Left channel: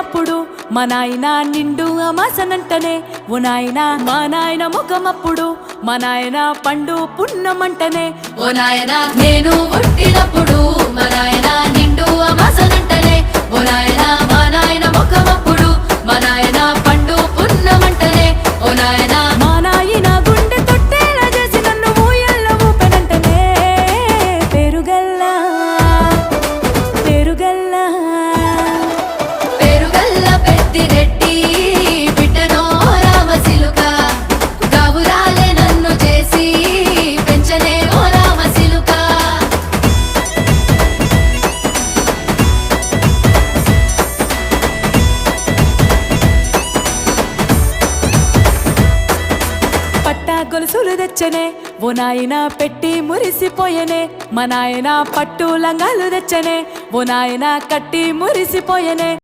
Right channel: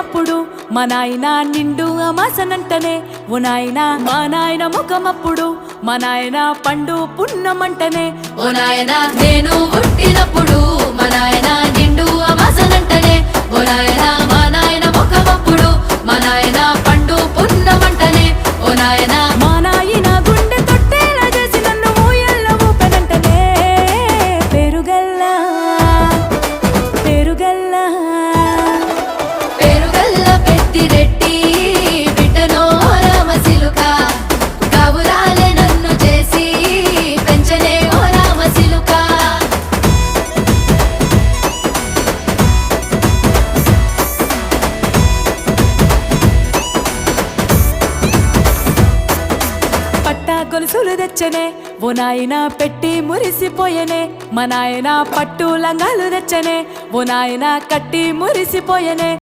పుట్టినప్పుడు మా నాయన నిండు అమాసనంటనే ఓ నాయన మా నాయన ముఖమప్పుడు మా నాయన పండు పున్నమంటనే ఓ నాయన నేను పుట్టినప్పుడు మా నాయన నిండు అమాసనంటనే ఓ నాయన మా నాయన ముఖమప్పుడు మా నాయన పండు పున్నమంటనే ఓ నాయన మా నాయన గుండె తొట్టేలా చేసి నన్ను ఊయల్ల ఊపెనంటనే పెరుగల్లా పెరుగల్లా పెరుగల్లా పెద్దిరెడ్డి బిడ్డనో రామసిలుక గావురాలే నన్ను చేసి పెంచనే ఓ రామసిలుక పట్టా గొలుసులు తెచ్చనే ఓ నాయన పెట్టి మురిసిపోయనే మా నాయన పట్టు లంగాలు తెచ్చనే ఓ నాయన కట్టి మురిసిపోయనే